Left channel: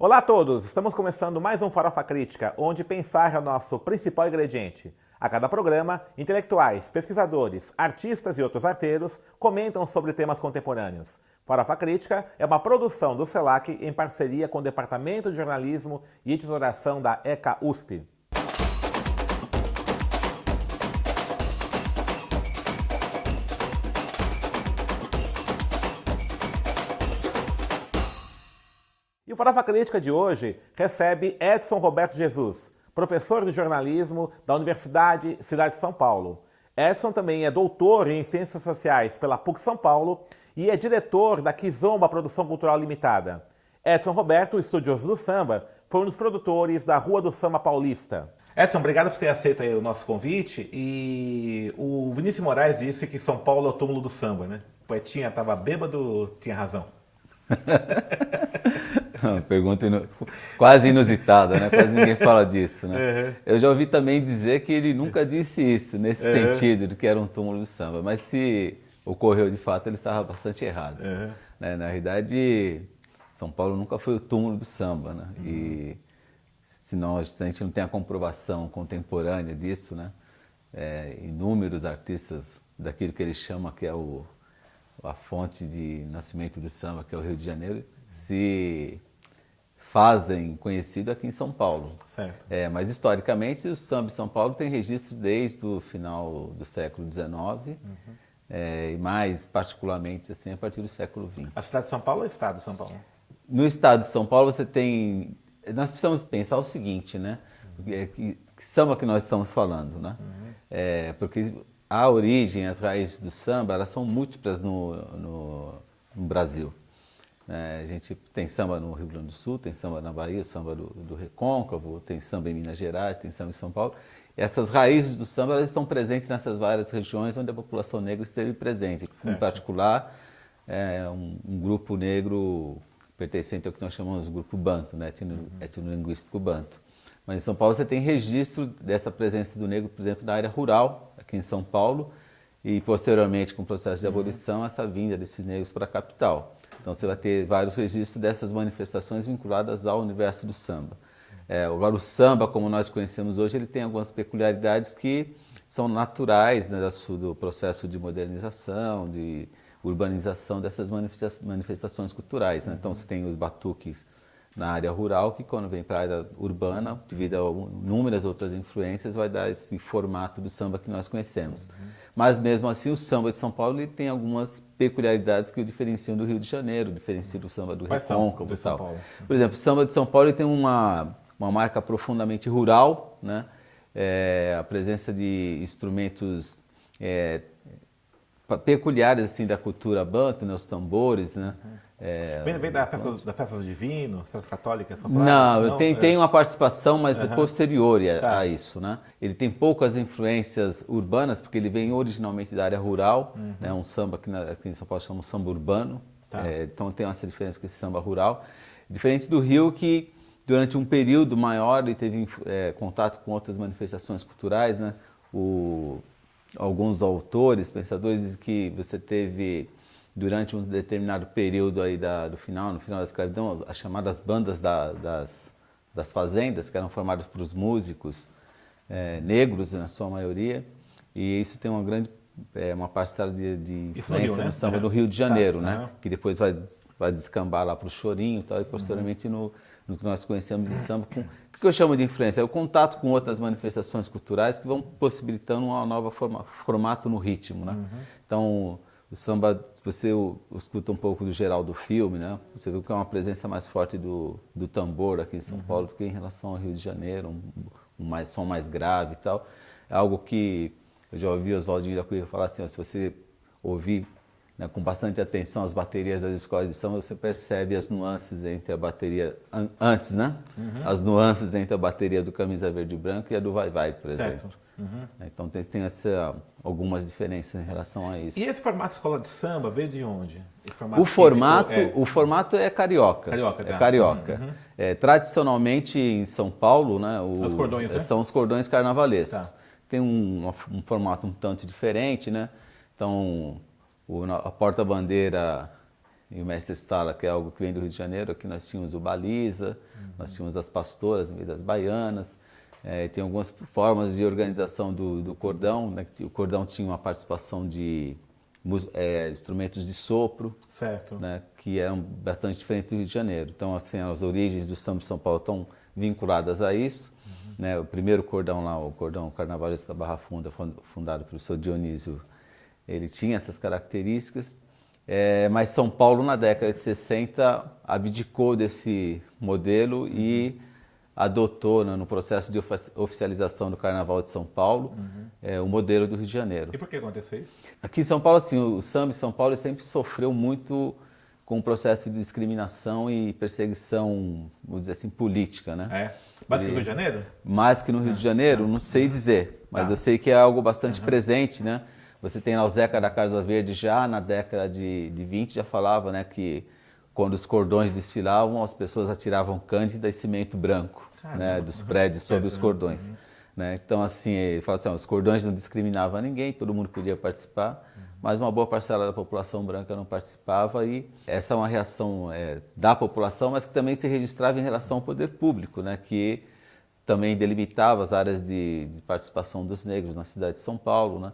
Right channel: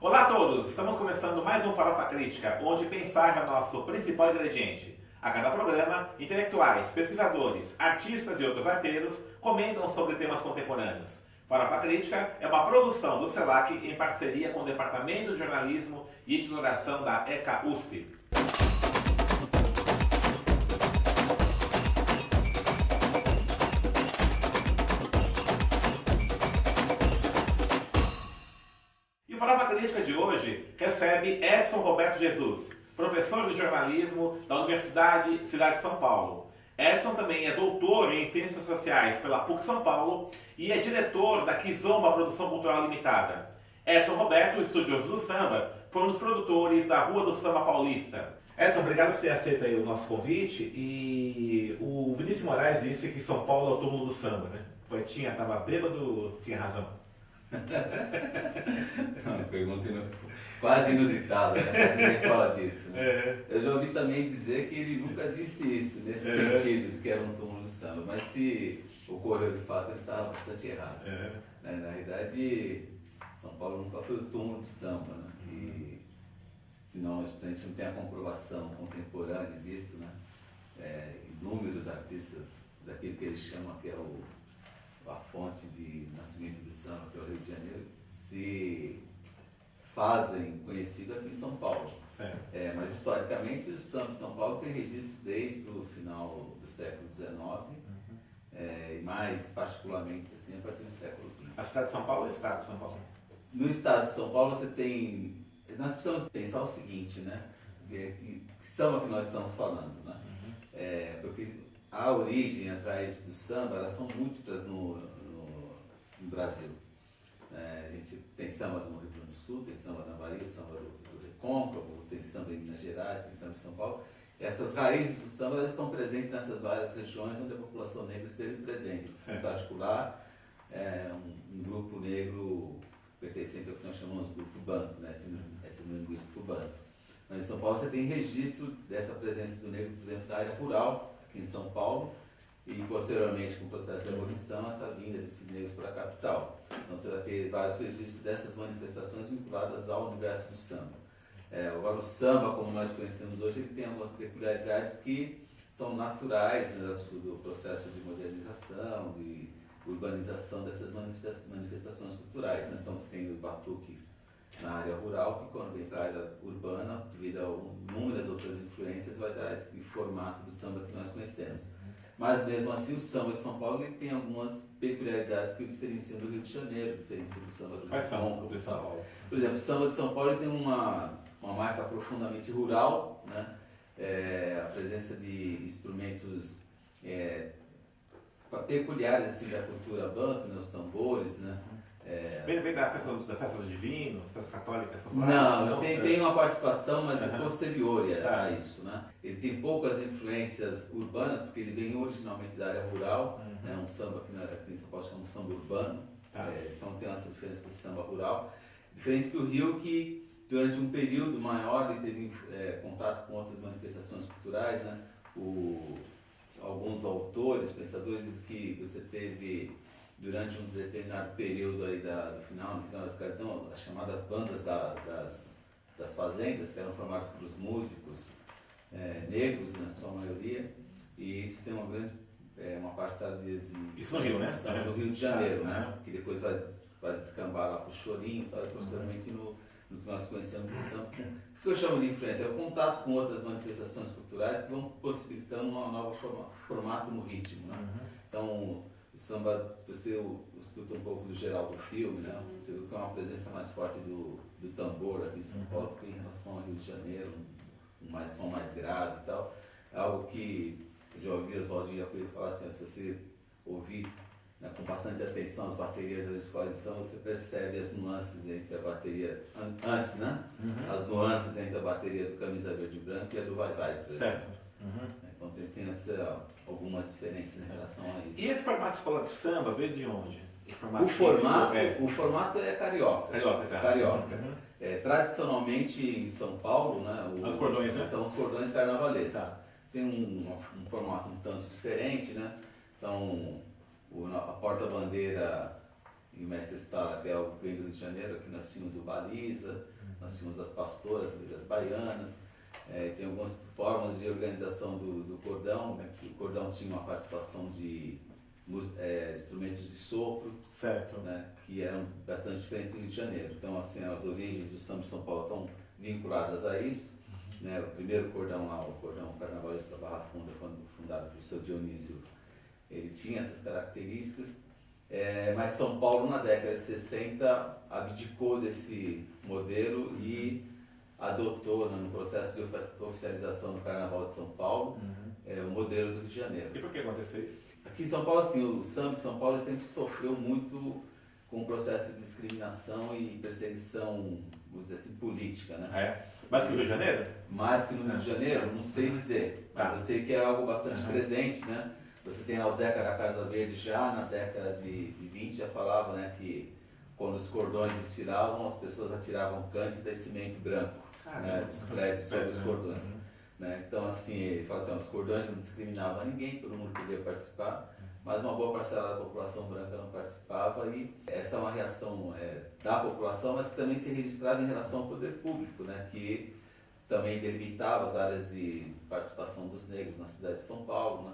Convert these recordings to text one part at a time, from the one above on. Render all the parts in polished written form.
Olá a todos! Estamos começando mais um Farofa Crítica, onde pensar é o nosso principal ingrediente. A cada programa, intelectuais, pesquisadores, artistas e outros arteiros comentam sobre temas contemporâneos. Farofa Crítica é uma produção do CELAC em parceria com o Departamento de Jornalismo e Editoração da ECA USP. E o Farofa Crítica de hoje recebe Edson Roberto Jesus, professor de jornalismo da Universidade Cidade de São Paulo. Edson também é doutor em Ciências Sociais pela PUC São Paulo e é diretor da Kizomba Produção Cultural Limitada. Edson Roberto, estudioso do samba, foi um dos produtores da Rua do Samba Paulista. Edson, obrigado por ter aceito aí o nosso convite. E o Vinícius Moraes disse que São Paulo é o túmulo do samba, né? O poetinha estava bêbado, tinha razão. Uma pergunta quase inusitada, né? Quase ninguém fala disso, né? Uhum. Eu já ouvi também dizer que ele nunca disse isso, nesse sentido, de que era um túmulo do samba. Mas se ocorreu de fato, ele estava bastante errado. Né? Na realidade, São Paulo nunca foi o túmulo do samba, né? E se a gente não tem a comprovação contemporânea disso, né? Inúmeros artistas daquilo que ele chama que é a fonte de nascimento do samba, que é o Rio de Janeiro, se fazem conhecido aqui em São Paulo. Certo. Mas historicamente o samba em São Paulo tem registro desde o final do século XIX e mais particularmente assim, a partir do século XX. A cidade de São Paulo ou o estado de São Paulo? No estado de São Paulo você tem... Nós precisamos pensar o seguinte, né? Que samba que nós estamos falando, né? Porque a origem, as raízes do samba, elas são múltiplas no Brasil. A gente tem samba no Rio Grande do Sul, tem samba na Bahia, samba do Recôncavo, tem samba em Minas Gerais, tem samba em São Paulo. E essas raízes do samba elas estão presentes nessas várias regiões onde a população negra esteve presente. Certo. Em particular, um grupo negro pertencente ao que nós chamamos de grupo banto, né? Etnolinguístico banto. Mas em São Paulo você tem registro dessa presença do negro, por exemplo, na área rural, aqui em São Paulo, e posteriormente, com o processo de abolição, essa vinda desses negros para a capital. Então você vai ter vários registros dessas manifestações vinculadas ao universo do samba. Agora o samba, como nós conhecemos hoje, ele tem algumas peculiaridades que são naturais, né, do processo de modernização, de urbanização dessas manifestações culturais. Né? Então você tem os batuques na área rural, que quando vem para a área urbana, devido a inúmeras outras influências, vai dar esse formato do samba que nós conhecemos. Mas mesmo assim o samba de São Paulo ele tem algumas peculiaridades que o diferenciam do Rio de Janeiro, diferenciam do samba do Recôncavo e tal. Por exemplo, o samba de São Paulo ele tem uma marca profundamente rural, né? A presença de instrumentos peculiares assim, da cultura banto, né? Os tambores, né? Vem da festa dos divinos, festa católica? Não, tem uma participação, mas posterior a isso, né? Ele tem poucas influências urbanas, porque ele vem originalmente da área rural, né? Um samba que aqui em São Paulo chama samba urbano, então tem essa diferença com esse samba rural. Diferente do Rio, que durante um período maior ele teve contato com outras manifestações culturais, né? Alguns autores, pensadores, dizem que você teve... durante um determinado período aí no final da escravidão, as chamadas bandas das fazendas, que eram formadas por músicos negros, na sua maioria, e isso tem uma parcela de influência no samba do Rio de Janeiro, né? Que depois vai descambar lá para o chorinho e tal, e posteriormente no que nós conhecemos de samba. O que eu chamo de influência? É o contato com outras manifestações culturais que vão possibilitando um novo formato no ritmo, né? Então, o samba, se você escuta um pouco do geral do filme, né? Você vê que é uma presença mais forte do tambor aqui em São Paulo do que em relação ao Rio de Janeiro, um som mais grave e tal. É algo que eu já ouvi Oswaldinho da Cunha falar assim, ó, se você ouvir, né, com bastante atenção as baterias das escolas de samba, você percebe as nuances entre a bateria, antes, né? As nuances entre a bateria do Camisa Verde e Branco e a do Vai Vai, por exemplo. Certo. Então tem algumas diferenças em relação a isso. E esse formato de escola de samba veio de onde? O formato é carioca. Carioca. Tradicionalmente em São Paulo, né, os cordões, são os cordões carnavalescos. Tem um formato um tanto diferente, né? Então a porta-bandeira e o mestre Sala, que é algo que vem do Rio de Janeiro. Aqui nós tínhamos o Baliza, nós tínhamos as pastoras, das baianas, tem algumas formas de organização do cordão, né? O cordão tinha uma participação de instrumentos de sopro, certo, né? Que eram bastante diferentes do Rio de Janeiro. Então, assim, as origens do samba de São Paulo estão vinculadas a isso. Né? O primeiro cordão lá, o cordão carnavalesco da Barra Funda, fundado pelo seu Dionísio, ele tinha essas características. Mas São Paulo, na década de 60, abdicou desse modelo e adotou, né, no processo de oficialização do Carnaval de São Paulo, o modelo do Rio de Janeiro. E por que aconteceu isso? Aqui em São Paulo, assim, o samba de São Paulo sempre sofreu muito com o processo de discriminação e perseguição, vamos dizer assim, política, né? Mais que no Rio de Janeiro? Mais que no Rio de Janeiro, não sei dizer, mas eu sei que é algo bastante presente, né? Você tem lá o Zeca da Casa Verde já na década de 20, já falava, né, que quando os cordões desfilavam, as pessoas atiravam cândida e cimento branco, né, dos prédios sobre os cordões. Né? Então, assim, ele fala assim, os cordões não discriminavam ninguém, todo mundo podia participar, mas uma boa parcela da população branca não participava, e essa é uma reação da população, mas que também se registrava em relação ao poder público, né, que também delimitava as áreas de participação dos negros na cidade de São Paulo, né?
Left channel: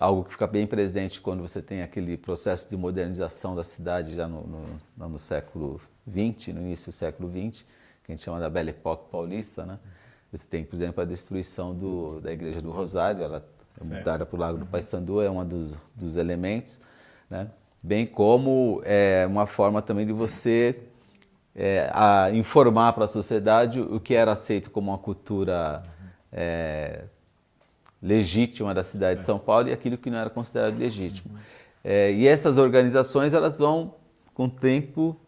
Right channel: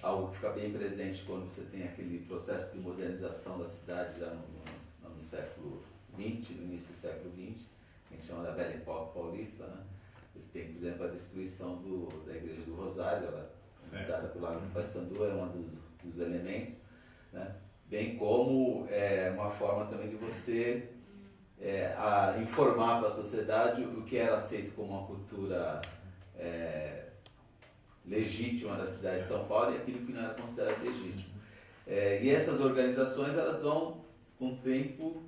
Algo que fica bem presente quando você tem aquele processo de modernização da cidade já no século XX, no início do século XX, que a gente chama da Belle Époque paulista, né? Você tem, por exemplo, a destruição da Igreja do Rosário, ela é mudada para o Lago do Paissandu, é um dos elementos, né? Bem como uma forma também de você informar para a sociedade o que era aceito como uma cultura legítima da cidade de São Paulo e aquilo que não era considerado legítimo. E essas organizações, elas vão, com o tempo,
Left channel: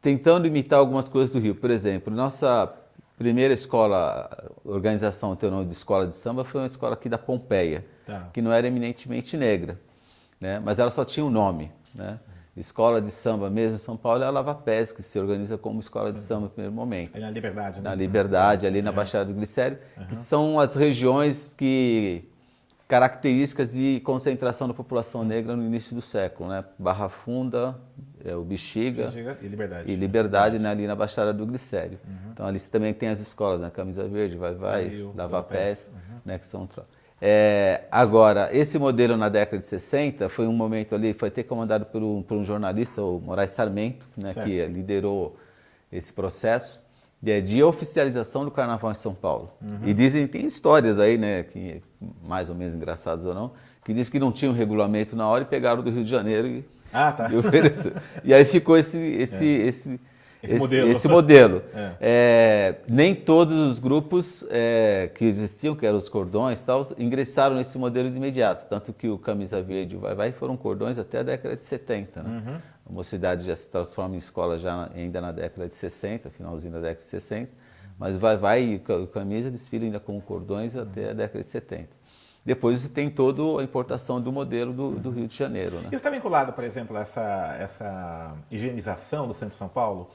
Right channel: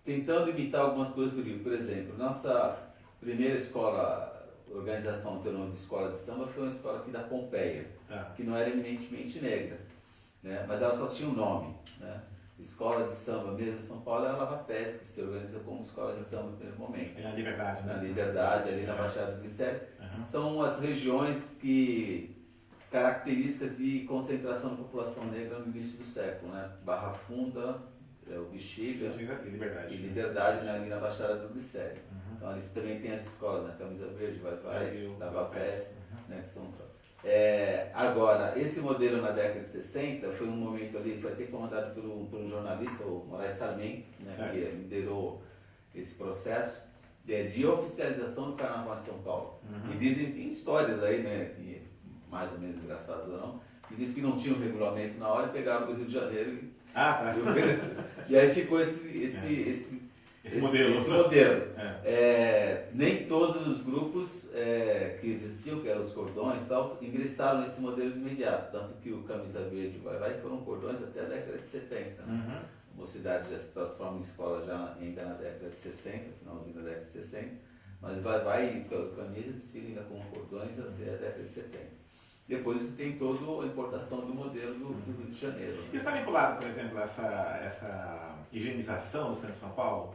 tentando imitar algumas coisas do Rio. Por exemplo, nossa primeira organização, tem o nome de escola de samba, foi uma escola aqui da Pompeia, que não era eminentemente negra, né? Mas ela só tinha um nome, né? Escola de samba mesmo em São Paulo é a Lava Pés, que se organiza como escola de samba no primeiro momento. Na Liberdade, né? Na Liberdade, ali na Baixada do Glicério, que são as regiões características de concentração da população negra no início do século, né? Barra Funda, o Bexiga e Liberdade, né? Ali na Baixada do Glicério. Então ali você também tem as escolas, né? Camisa Verde, Vai, Lava Pés, né? Que são... Agora, esse modelo na década de 60 foi um momento ali, foi até comandado por um jornalista, o Moraes Sarmento, né, que liderou esse processo de oficialização do Carnaval em São Paulo. E tem histórias aí, né, que, mais ou menos engraçadas ou não, que diz que não tinha um regulamento na hora e pegaram do Rio de Janeiro e ofereceram. E aí ficou esse modelo. Nem todos os grupos que existiam, que eram os cordões e tal, ingressaram nesse modelo de imediato. Tanto que o Camisa Verde e o Vai foram cordões até a década de 70. Né? A Mocidade já se transforma em escola ainda na década de 60, finalzinho da década de 60. Mas Vai e o Camisa desfilam ainda com cordões até a década de 70. Depois você tem toda a importação do modelo do Rio de Janeiro. Né? Isso está vinculado, por exemplo, a essa higienização do centro de São Paulo?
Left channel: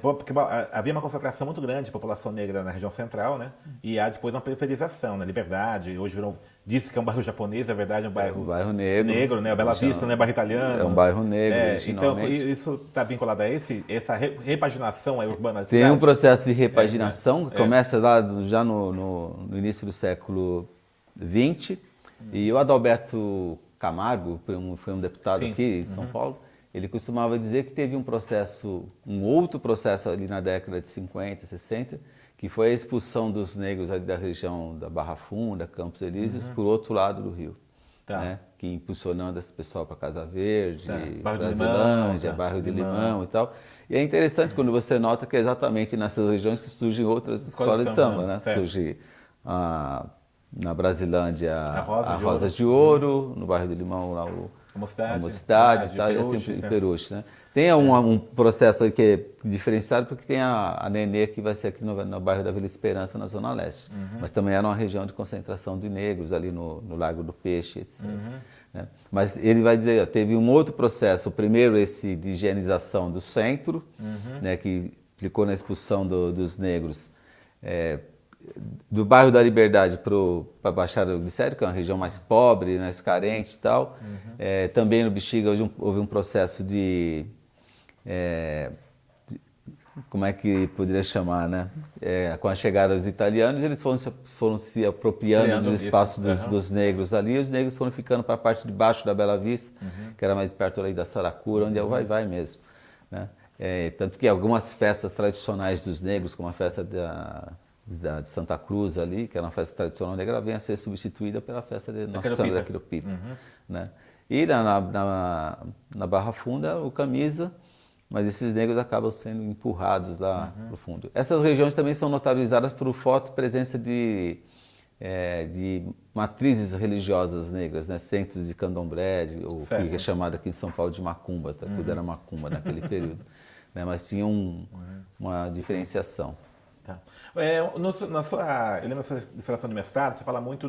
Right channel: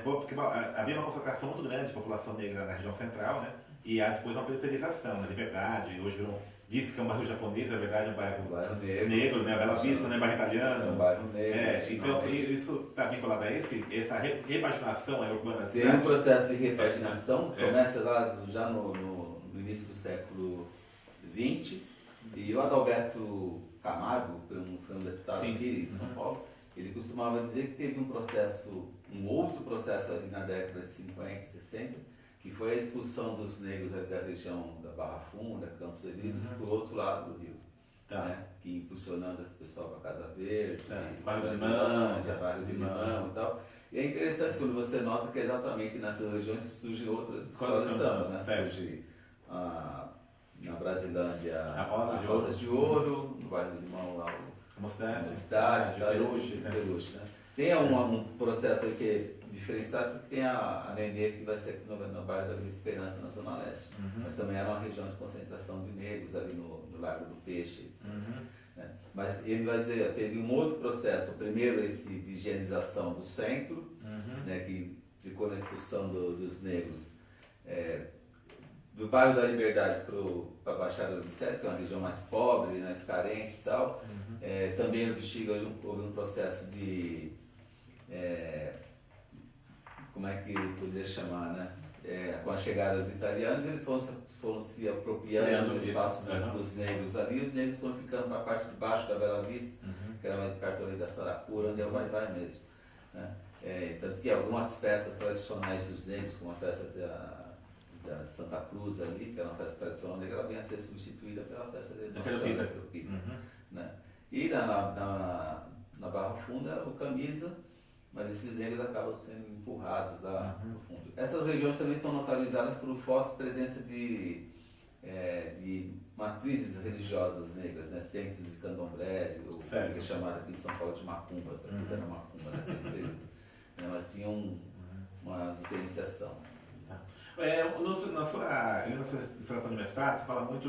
Porque havia uma concentração muito grande de população negra na região central, né? E há depois uma periferização, né? Liberdade, hoje disse que é um bairro japonês, na verdade é um bairro negro, né? Bela Vista, né? Bairro italiano. É um bairro negro, então isso está vinculado a essa repaginação urbana da cidade? Tem um processo de repaginação que começa lá já no início do século XX, e o Adalberto Camargo, foi um deputado aqui em São Paulo, ele costumava dizer que teve um outro processo ali na década de 50, 60, que foi a expulsão dos negros ali da região da Barra Funda, Campos Elíseos, por outro lado do Rio. Né? Que impulsionando esse pessoal para Casa Verde, Brasilândia, Bairro de Limão e tal. E é interessante quando você nota que é exatamente nessas regiões que surgem outras escolas de samba. Né? Surge na Brasilândia a Rosas de Ouro, no Bairro de Limão lá a Mocidade, e Peruche, né? Tem um processo aí que é diferenciado porque tem a Nenê, que vai ser aqui no bairro da Vila Esperança, na Zona Leste. Mas também era uma região de concentração de negros ali no Largo do Peixe, etc. Né? Mas ele vai dizer, teve um outro processo, o primeiro esse de higienização do centro, né, que implicou na expulsão dos negros do bairro da Liberdade para a Baixada do Glicério, que é uma região mais pobre, mais carente e tal. Também no Bexiga houve um processo como é que poderia chamar, né? Com a chegada dos italianos, eles foram se apropriando dos espaços dos negros ali, e os negros foram ficando para a parte de baixo da Bela Vista, que era mais perto ali da Saracura, onde é o vai-vai mesmo, né? Tanto que algumas festas tradicionais dos negros, como a festa de Santa Cruz ali, que era uma festa tradicional negra, vem a ser substituída pela festa de Nossa Senhora da Quiropita, né? E na Barra Funda, o Camisa, mas esses negros acabam sendo empurrados lá no fundo. Essas regiões também são notabilizadas por forte presença de matrizes religiosas negras, né? Centros de candomblé, ou que é chamado aqui em São Paulo de macumba, tudo era macumba naquele período, né? Mas tinha uma diferenciação. Tá. Eu lembro na sua dissertação de mestrado, você fala muito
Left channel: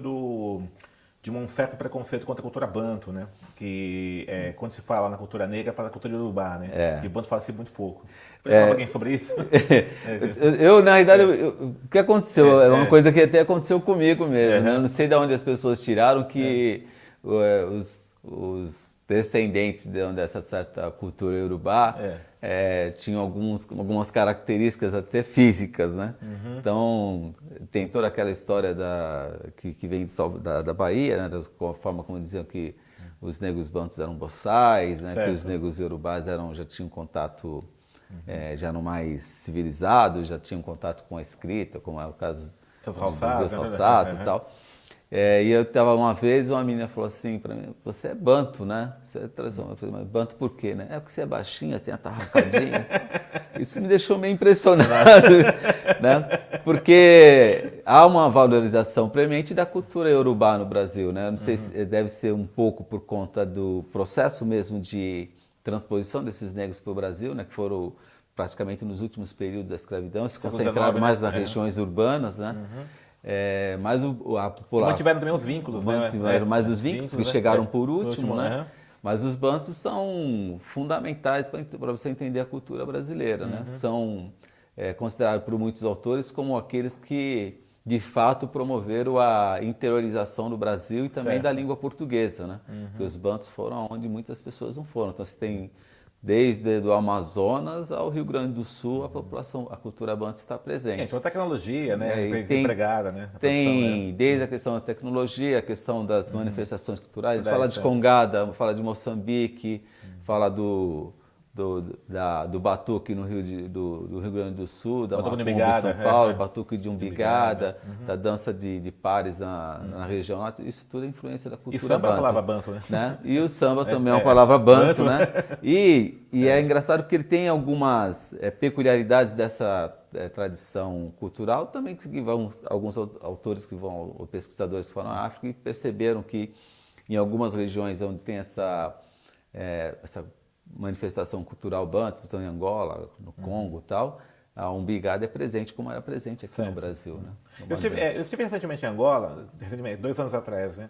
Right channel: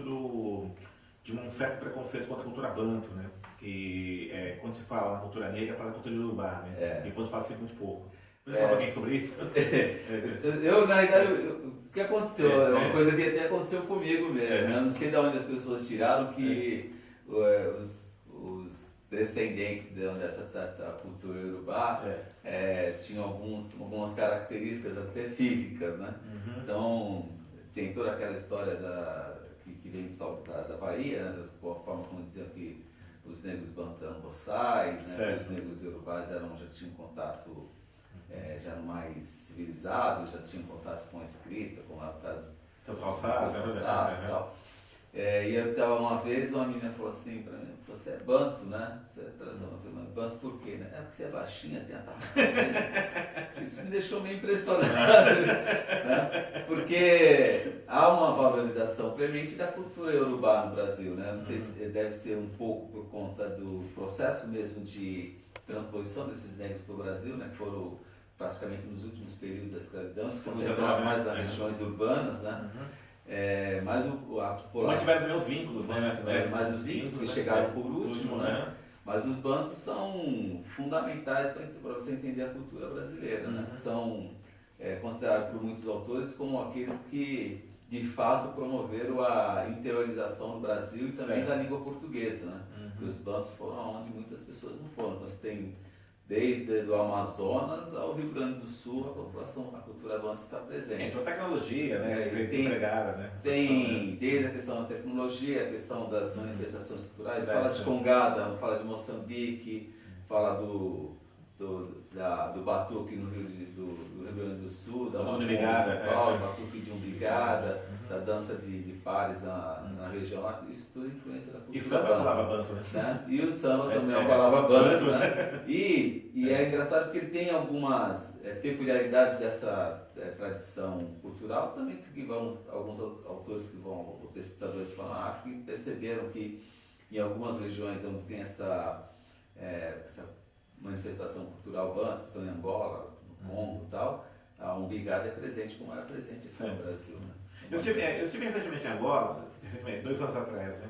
de um certo preconceito contra a cultura banto, né? Que quando se fala na cultura negra, fala cultura iorubá, né? E o banto fala-se muito pouco. Pode falar alguém sobre isso? Na realidade, o que aconteceu? É uma coisa que até aconteceu comigo mesmo, né? Eu não sei de onde as pessoas tiraram que os descendentes dessa certa cultura iorubá tinham algumas características até físicas, né? Então, tem toda aquela história que vem da Bahia, né? Da forma como diziam que os negros bantos eram boçais, né? Que os negros iorubás já tinham contato, já eram mais civilizados, já tinham contato com a escrita, como é o caso dos Halsados e tal. E eu estava uma vez, uma menina falou assim para mim: você é banto, né? Você é tradicional. Eu falei: mas banto por quê, né? É porque você é baixinho, assim, atarracadinho. Isso me deixou meio impressionado, né? Porque há uma valorização premente da cultura iorubá no Brasil, né? Eu não sei se deve ser um pouco por conta do processo mesmo de transposição desses negros para o Brasil, né? Que foram praticamente nos últimos períodos da escravidão, se concentraram mais nas regiões urbanas, né? Mas a população... Mantiveram também os vínculos, né? Mais os vínculos que chegaram por último, né? Mas os bantos são fundamentais para você entender a cultura brasileira, né? São considerados por muitos autores como aqueles que, de fato, promoveram a interiorização do Brasil e também da língua portuguesa, né? Porque os bantos foram onde muitas pessoas não foram. Então, você tem... Desde o Amazonas ao Rio Grande do Sul, a cultura banto está presente. Isso é uma tecnologia, né? Empregada, né? Tem desde a questão da tecnologia, a questão das manifestações culturais. Fala de Congada, fala de Moçambique, fala do batuque no do Rio Grande do Sul, da macumba em São Paulo, batuque de umbigada, da dança de pares na região lá. Isso tudo é influência da cultura banto. E o samba é uma palavra banto, né? E o samba também é uma palavra banto, né? E é engraçado porque ele tem algumas peculiaridades dessa tradição cultural, também que alguns autores ou pesquisadores falam na África e perceberam que em algumas regiões onde tem essa manifestação cultural banto, por exemplo, em Angola, no Congo e tal, a umbigada é presente como era presente aqui no Brasil, né? Eu estive recentemente em Angola, 2 anos atrás, né?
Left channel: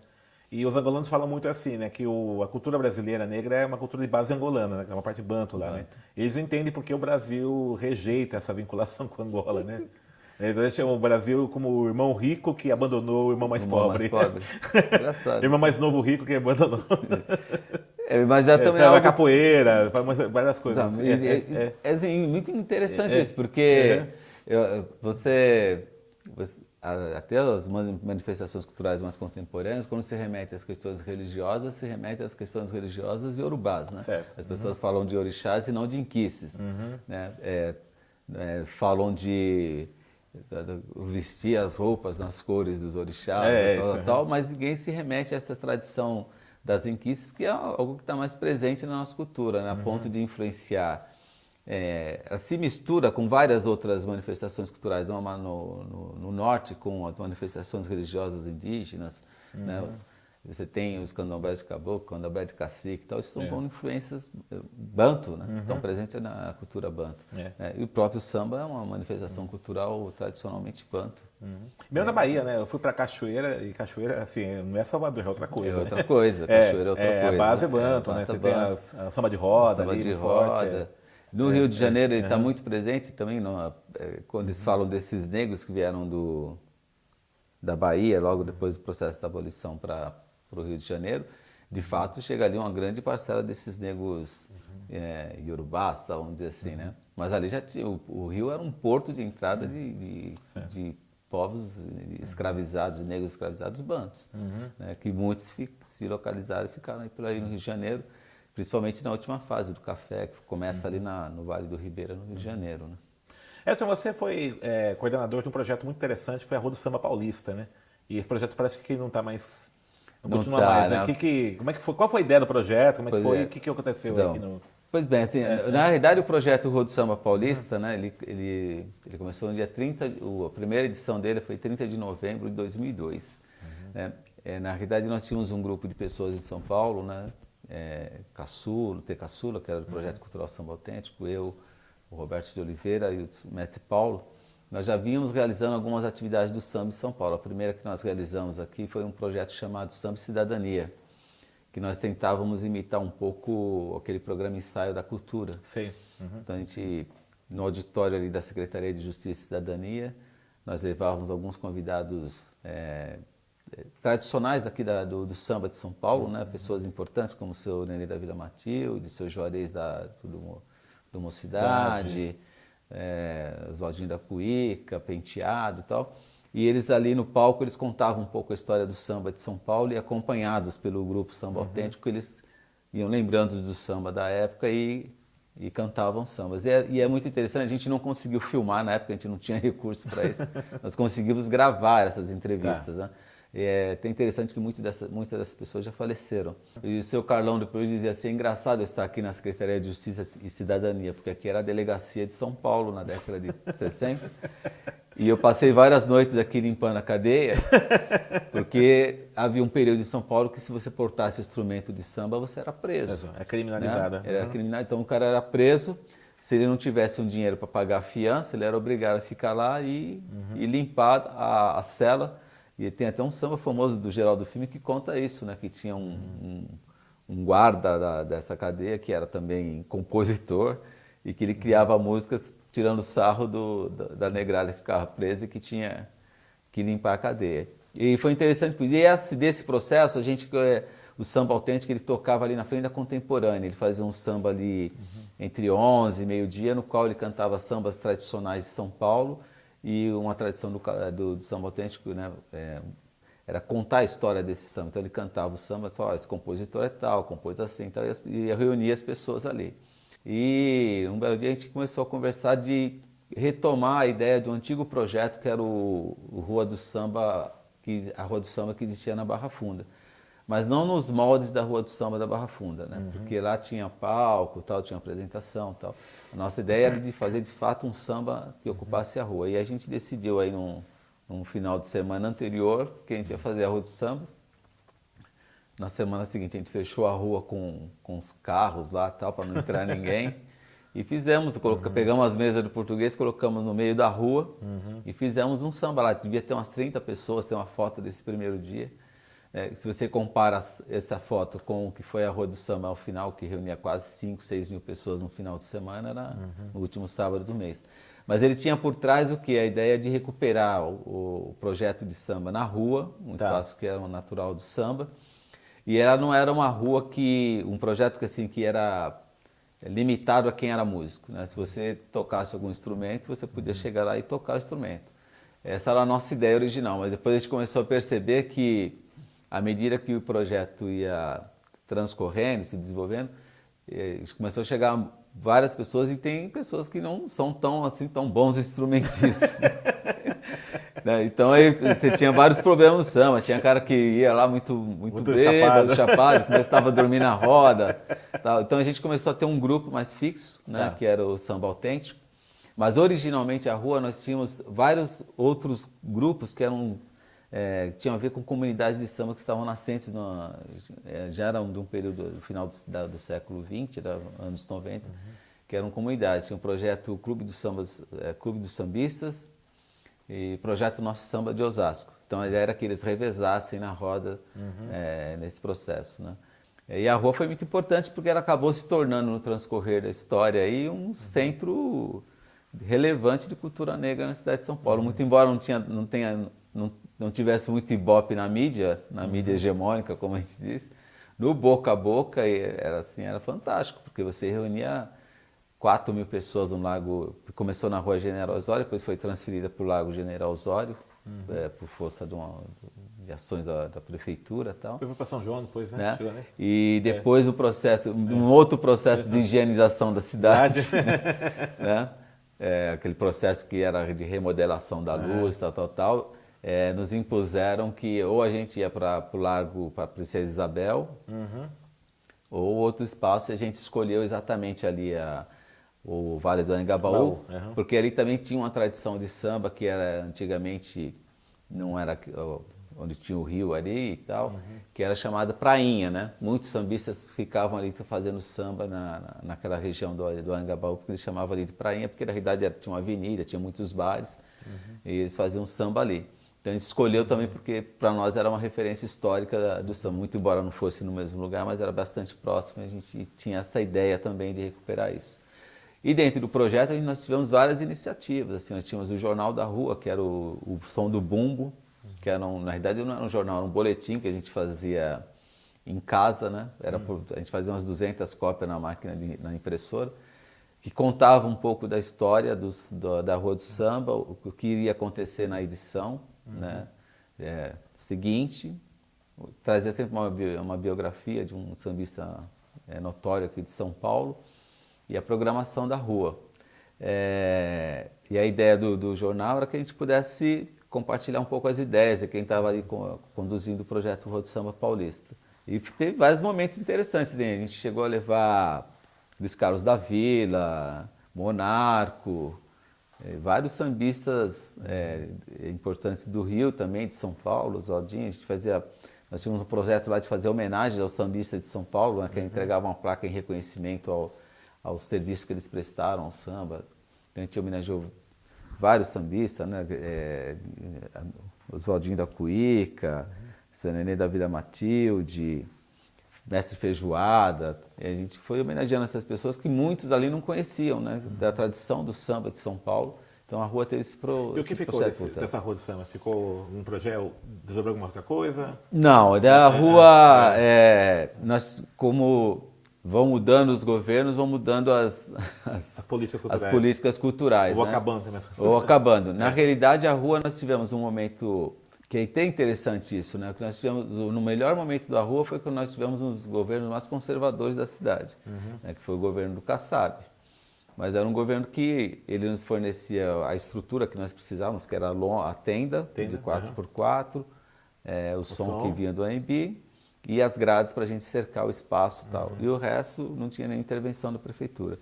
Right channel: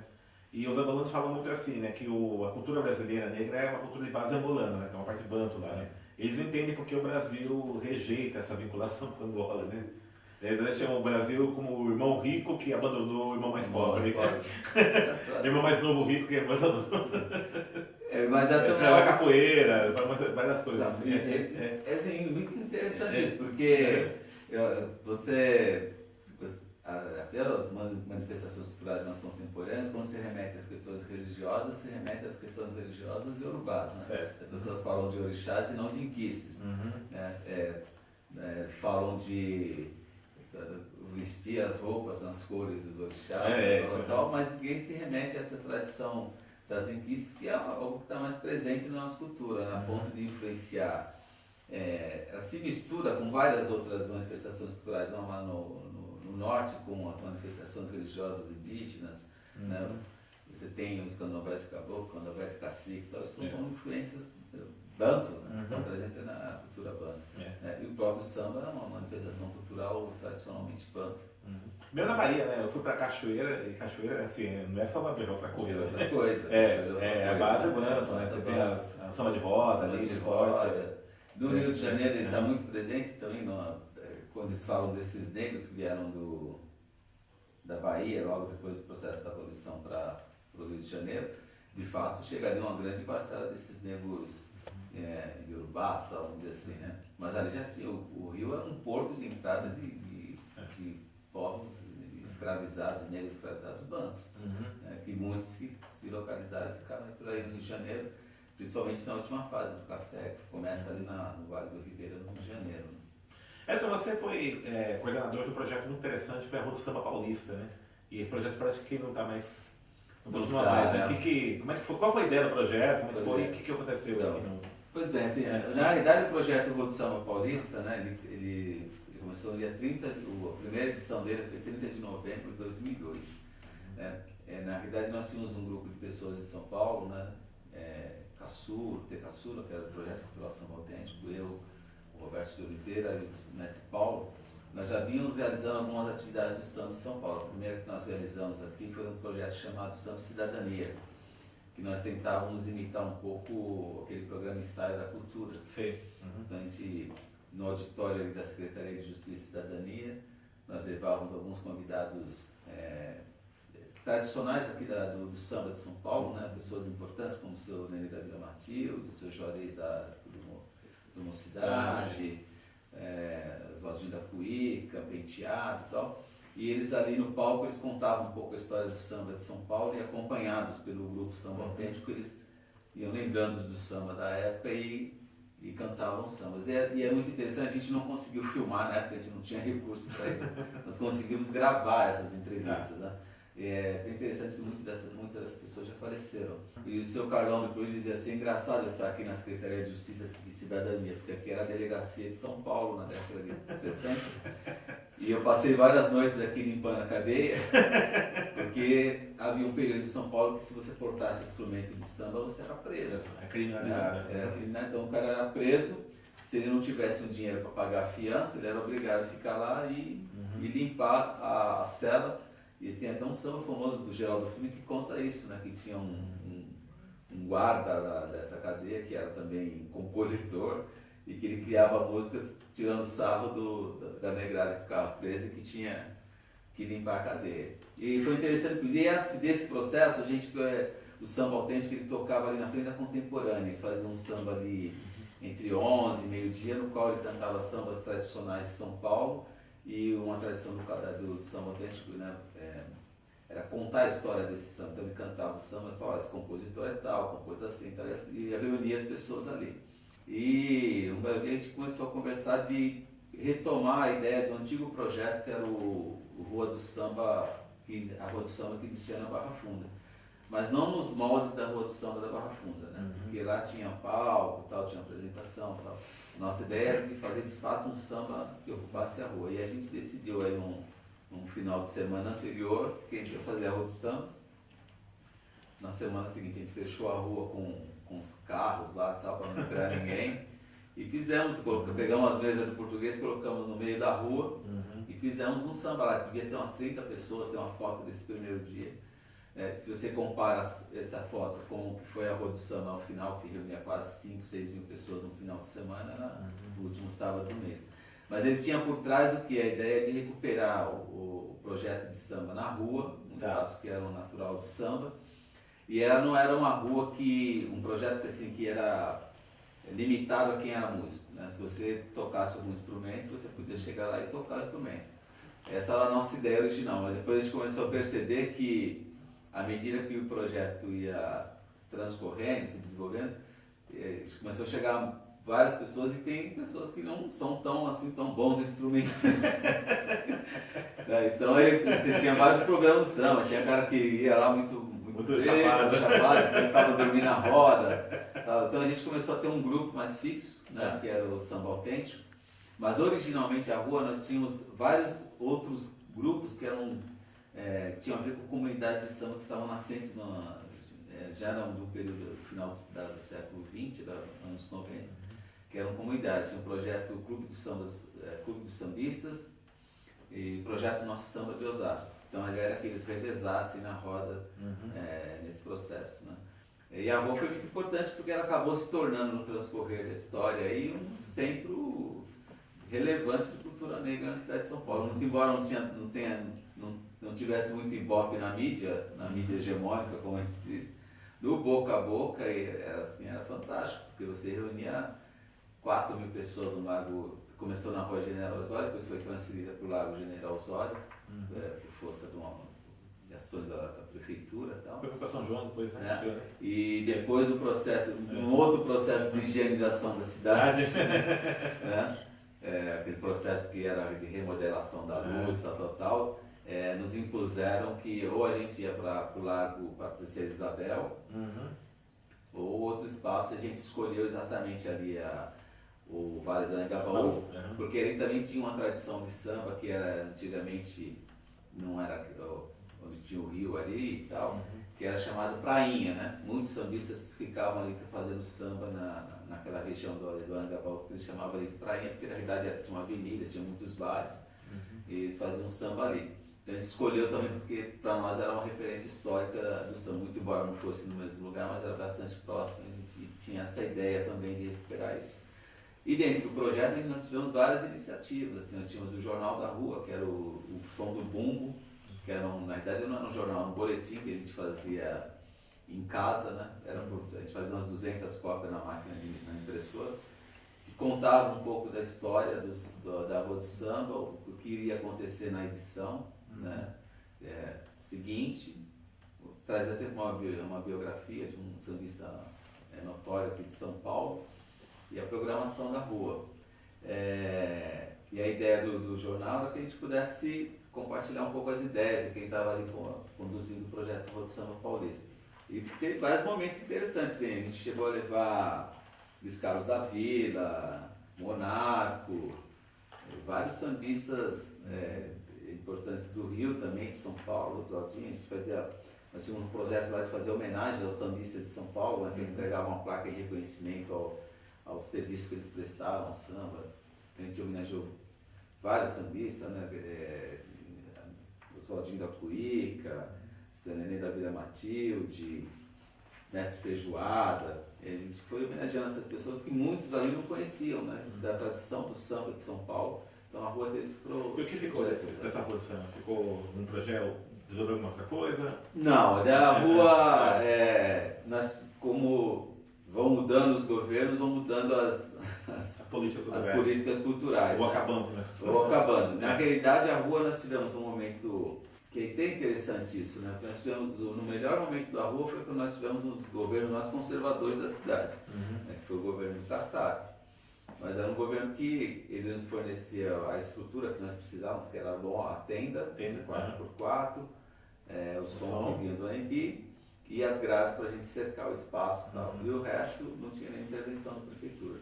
E os angolanos falam muito assim, né? Que a cultura brasileira negra é uma cultura de base angolana, né? Que é uma parte banto lá, né? Eles entendem porque o Brasil rejeita essa vinculação com Angola, né? Eles chamam o Brasil como o irmão rico que abandonou o irmão mais pobre. Engraçado. O irmão mais novo rico que abandonou. Mas também a capoeira, várias coisas. Assim, muito interessante isso, porque até as manifestações culturais mais contemporâneas, quando se remete às questões religiosas, se remete às questões religiosas iorubás, né? Certo. As pessoas falam de orixás e não de inquices, né? Falam de vestir as roupas nas cores dos orixás e tal, mas ninguém se remete a essa tradição das inquices, que é algo que está mais presente na nossa cultura, né? A ponto de influenciar. Ela se mistura com várias outras manifestações culturais, no norte com as manifestações religiosas indígenas, né? Você tem os candomblés de caboclo, candomblé de cacique, tal, isso são influências banto, né? Estão presentes na cultura banto. E o próprio samba é uma manifestação cultural tradicionalmente banto. Mesmo na Bahia, né? Eu fui pra Cachoeira, e Cachoeira, assim, não é Salvador, é outra coisa. É outra coisa, Cachoeira é outra coisa. A base é banto, né? Você tem a samba de roda, samba de roda. No Rio de Janeiro ele está muito presente também, quando eles falam desses negros que vieram da Bahia, logo depois do processo da abolição para o Rio de Janeiro, de fato chegaria uma grande parcela desses negros iorubás, vamos dizer assim, né? Mas ali já tinha, o Rio era um porto de entrada de povos escravizados, de negros escravizados, bantos, né? Que muitos se localizaram e ficaram por aí no Rio de Janeiro, principalmente na última fase do café, que começa ali no Vale do Ribeira, no Rio de Janeiro, né? Edson, você foi coordenador de um projeto muito interessante, foi a Rua do Samba Paulista, né? E esse projeto parece que não está mais... Não continua mais, né? Como é que foi? Qual foi a ideia do projeto? Como é que foi? O que aconteceu então, aqui? Pois bem, assim, na realidade o projeto Rua do Samba Paulista, né, ele começou no dia 30, a primeira edição dele foi 30 de novembro de 2002. Né? Na realidade nós tínhamos um grupo de pessoas em São Paulo, né, Caçula, que era do Projeto Cultural Samba Autêntico, eu, o Roberto de Oliveira e o mestre Paulo. Nós já vínhamos realizando algumas atividades do samba em São Paulo. A primeira que nós realizamos aqui foi um projeto chamado Samba e Cidadania, que nós tentávamos imitar um pouco aquele programa Ensaio da Cultura. Sim. Então a gente, no auditório ali da Secretaria de Justiça e Cidadania, nós levávamos alguns convidados tradicionais daqui do samba de São Paulo, né? Pessoas importantes como o seu Nenê da Vila Matilde, o seu Juarez do Mocidade, Oswaldinho da Puíca, Penteado e tal. E eles ali no palco, eles contavam um pouco a história do samba de São Paulo e acompanhados pelo grupo Samba Autêntico, eles iam lembrando do samba da época e cantavam sambas. E é muito interessante, a gente não conseguiu filmar, na época a gente não tinha recurso para isso, nós conseguimos gravar essas entrevistas, né? É até interessante que muitas dessas pessoas já faleceram. E o seu Carlão do Cruz dizia assim, é engraçado eu estar aqui na Secretaria de Justiça e Cidadania, porque aqui era a delegacia de São Paulo na década de 60. E eu passei várias noites aqui limpando a cadeia, porque havia um período em São Paulo que se você portasse instrumento de samba, você era preso. É criminalizado. Né? Era criminalizado, então o cara era preso, se ele não tivesse um dinheiro para pagar a fiança, ele era obrigado a ficar lá e limpar a cela. E tem até um samba famoso do Geraldo Filme que conta isso, né? Que tinha um guarda dessa cadeia que era também compositor e que ele criava músicas tirando sarro da negrada que ficava presa e que tinha que limpar a cadeia. E foi interessante, porque desse processo, o samba autêntico, ele tocava ali na frente da Contemporânea, ele fazia um samba ali entre 11 e meio-dia, no qual ele cantava sambas tradicionais de São Paulo, e uma tradição do samba autêntico, né, era contar a história desse samba. Então ele cantava o samba, só esse compositor é tal, compôs assim, tal, e reunia as pessoas ali. E um belo dia a gente começou a conversar de retomar a ideia do antigo projeto que era a Rua do Samba que existia na Barra Funda. Mas não nos moldes da Rua do Samba da Barra Funda, né? Porque lá tinha palco, tal, tinha apresentação, tal. A nossa ideia era de fazer de fato um samba que ocupasse a rua. E a gente decidiu aí num final de semana anterior que a gente ia fazer a Rua do Samba. Na semana seguinte a gente fechou a rua com os carros lá, tal, para não entrar ninguém. E pegamos as mesas do português, colocamos no meio da rua e fizemos um samba lá. Devia ter umas 30 pessoas, tem uma foto desse primeiro dia. Se você compara essa foto com o que foi a Rua do Samba ao final, que reunia quase 5, 6 mil pessoas no final de semana, era no último sábado do mês. Mas ele tinha por trás o que? A ideia de recuperar o projeto de samba na rua, um espaço que era o natural do samba. E ela não era uma rua um projeto que era limitado a quem era músico, né? Se você tocasse algum instrumento, você podia chegar lá e tocar o instrumento. Essa era a nossa ideia original, mas depois a gente começou a perceber que à medida que o projeto ia transcorrendo, se desenvolvendo, começou a chegar várias pessoas e tem pessoas que não são tão bons instrumentistas. Então aí você tinha vários problemas no samba, tinha cara que ia lá muito bêbado, chapado, começava a dormir na roda. Tal. Então a gente começou a ter um grupo mais fixo, né, que era o Samba Autêntico. Mas originalmente a rua nós tínhamos vários outros grupos que tinham a ver com comunidades de samba que estavam nascentes, já eram do período do final do século XX, anos 90, que eram comunidades. Tinha o projeto Clube dos Sambistas e projeto Nosso Samba de Osasco. Então a ideia era que eles revezassem na roda nesse processo, né? E a rua foi muito importante porque ela acabou se tornando, no transcorrer da história, aí, um centro relevante de cultura negra na cidade de São Paulo. Muito embora não não tivesse muito ibope na mídia hegemônica, como a gente diz, no boca a boca era fantástico, porque você reunia 4.000 pessoas no Lago, começou na Rua General Osório, depois foi transferida para o Lago General Osório, por força de ações da prefeitura e tal. Depois foi para São João, depois, né? E depois um outro processo de higienização da cidade, né? Aquele processo que era de remodelação da luz, tal. Nos impuseram que ou a gente ia para o Largo, para a Princesa Isabel, ou outro espaço, e a gente escolheu exatamente ali o Vale do Anhangabaú, porque ali também tinha uma tradição de samba que era antigamente, não era onde tinha o rio ali e tal, que era chamada Prainha, né? Muitos sambistas ficavam ali fazendo samba naquela região do Anhangabaú, porque eles chamavam ali de Prainha, porque na realidade tinha uma avenida, tinha muitos bares, e eles faziam samba ali. Então a gente escolheu também porque para nós era uma referência histórica do samba, muito embora não fosse no mesmo lugar, mas era bastante próximo, a gente tinha essa ideia também de recuperar isso. E dentro do projeto nós tivemos várias iniciativas, assim, nós tínhamos o Jornal da Rua, que era o som do bumbo, que era, na realidade não era um jornal, era um boletim que a gente fazia em casa, né? A gente fazia umas 200 cópias na máquina, na impressora, que contava um pouco da história da Rua do Samba, o que iria acontecer na edição, né? Seguinte, trazia sempre uma biografia de um sambista notório aqui de São Paulo e a programação da rua. E a ideia do jornal era que a gente pudesse compartilhar um pouco as ideias de quem estava ali conduzindo o projeto Rua do Samba Paulista. E teve vários momentos interessantes, hein? A gente chegou a levar Luiz Carlos da Vila, Monarco, vários sambistas importantes do Rio também, de São Paulo, Oswaldinho. Nós tínhamos um projeto lá de fazer homenagem aos sambistas de São Paulo, né, que entregava uma placa em reconhecimento ao serviço que eles prestaram ao samba. Então a gente homenageou vários sambistas, né? Oswaldinho da Cuíca, Seu Nenê da Vila Matilde, Mestre Feijoada. E a gente foi homenageando essas pessoas que muitos ali não conheciam, né? Da tradição do samba de São Paulo. Então a rua teve esse processo. E o que ficou dessa rua de samba? Ficou um projeto, desenvolveu alguma outra coisa? Não, da rua, nós como vão mudando os governos, vão mudando as políticas culturais. Ou né? acabando, né? Ou acabando. Na realidade, a rua nós tivemos um momento que é até interessante isso, né? Porque nós tivemos, no melhor momento da rua foi quando nós tivemos um dos governos mais conservadores da cidade, né? Que foi o governo do Kassab. Mas era um governo que ele nos fornecia a estrutura que nós precisávamos, que era a tenda de 4x4, o som que vinha do AMB e as grades para a gente cercar o espaço e tal. E o resto não tinha nem intervenção da prefeitura.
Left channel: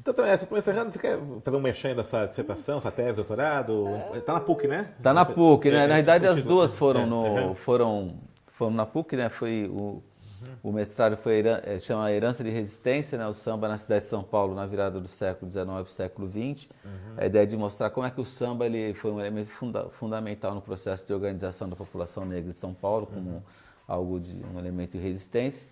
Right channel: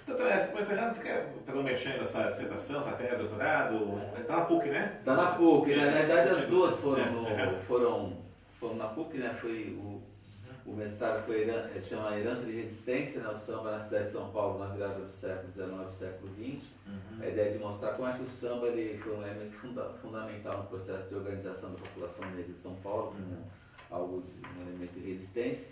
Então, você quer fazer um mexendo dessa dissertação, essa tese, doutorado? Está na PUC, né? Está na PUC, né? Na verdade as duas foram na PUC, né? Foi o mestrado chama Herança de Resistência, né? O samba na cidade de São Paulo na virada do século XIX para o século XX. A ideia de mostrar como é que o samba ele foi um elemento fundamental no processo de organização da população negra de São Paulo, como um elemento de resistência.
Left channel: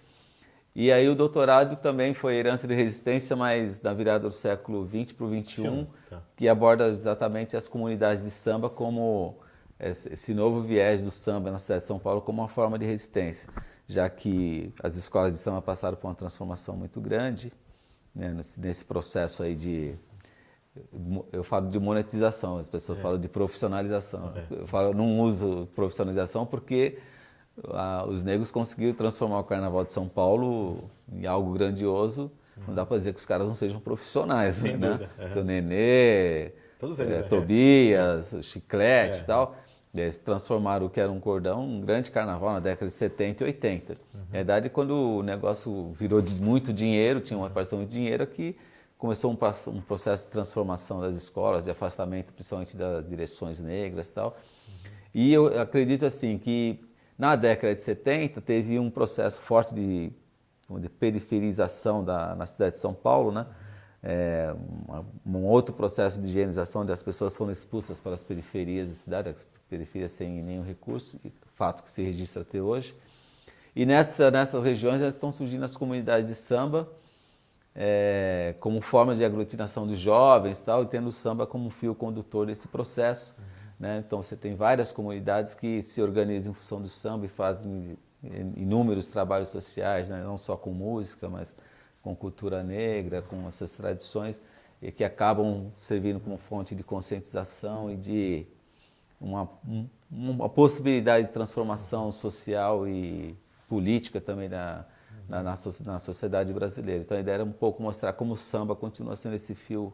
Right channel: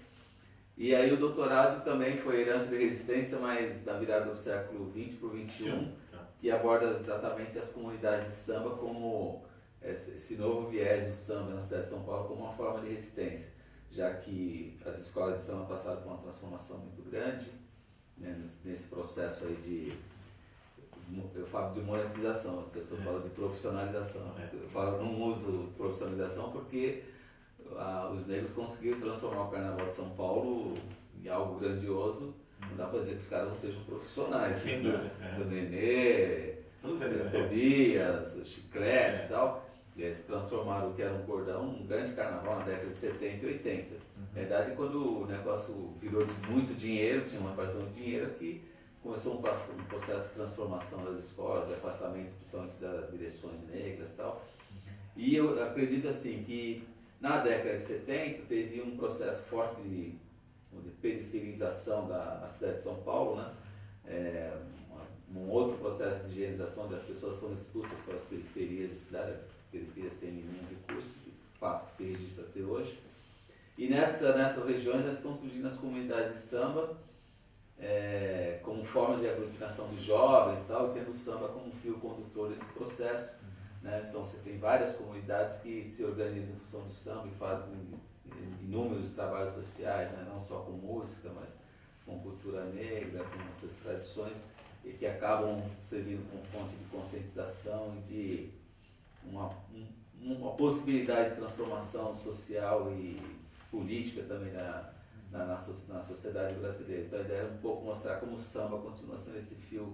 E aí o doutorado também foi Herança de Resistência, mas na virada do século XX para o XXI, que aborda exatamente as comunidades de samba como esse novo viés do samba na cidade de São Paulo como uma forma de resistência, já que as escolas de samba passaram por uma transformação muito grande, né, nesse processo aí eu falo de monetização, as pessoas falam de profissionalização. Eu não uso profissionalização porque os negros conseguiram transformar o Carnaval de São Paulo em algo grandioso. Não dá para dizer que os caras não sejam profissionais, sem né? dúvida, Seu Nenê, Tobias, Chiclete e tal. Eles transformaram o que era um cordão num grande carnaval na década de 70 e 80. Na verdade, quando o negócio virou de muito dinheiro, tinha uma parcela de dinheiro aqui, começou um processo de transformação das escolas, de afastamento principalmente das direções negras e tal. E eu acredito assim que na década de 70 teve um processo forte de periferização na cidade de São Paulo, né? Um outro processo de higienização, onde as pessoas foram expulsas para as periferias da cidade, as periferias sem nenhum recurso, fato que se registra até hoje. E nessas regiões estão surgindo as comunidades de samba, como forma de aglutinação de jovens e tal, e tendo o samba como fio condutor desse processo. né? Então você tem várias comunidades que se organizam em função do samba e fazem inúmeros trabalhos sociais, né? Não só com música, mas com cultura negra, com essas tradições, e que acabam servindo como fonte de conscientização e de uma possibilidade de transformação social e política também na sociedade brasileira. Então a ideia era um pouco mostrar como o samba continua sendo esse fio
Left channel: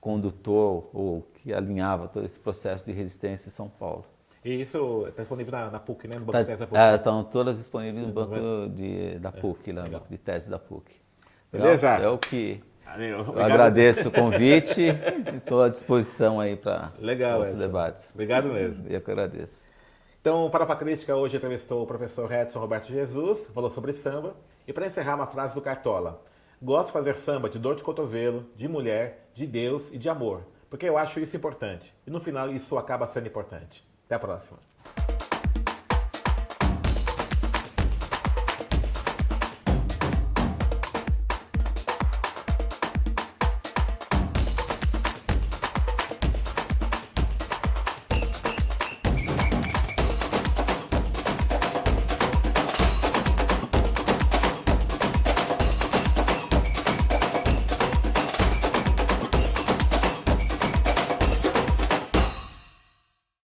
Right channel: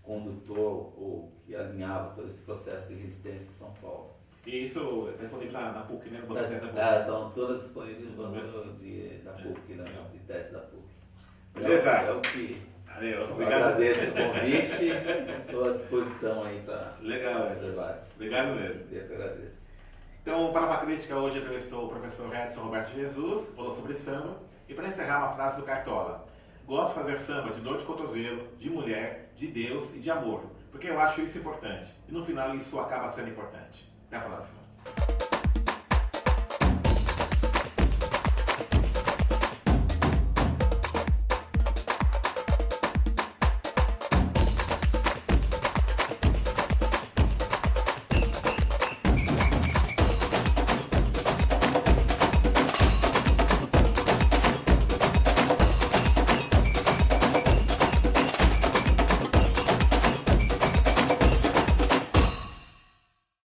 condutor ou que alinhava todo esse processo de resistência em São Paulo. E isso está disponível na PUC, né? No banco de tese da PUC. Estão todas disponíveis no banco da PUC, né? De tese da PUC. Beleza? Eu que Valeu. agradeço o convite, estou à disposição aí para os debates. Obrigado mesmo. Eu que agradeço. Então, para a Faca Crítica, hoje entrevistou o professor Edson Roberto Jesus, falou sobre samba. E para encerrar, uma frase do Cartola: gosto de fazer samba de dor de cotovelo, de mulher, de Deus e de amor, porque eu acho isso importante. E no final isso acaba sendo importante. Até a próxima.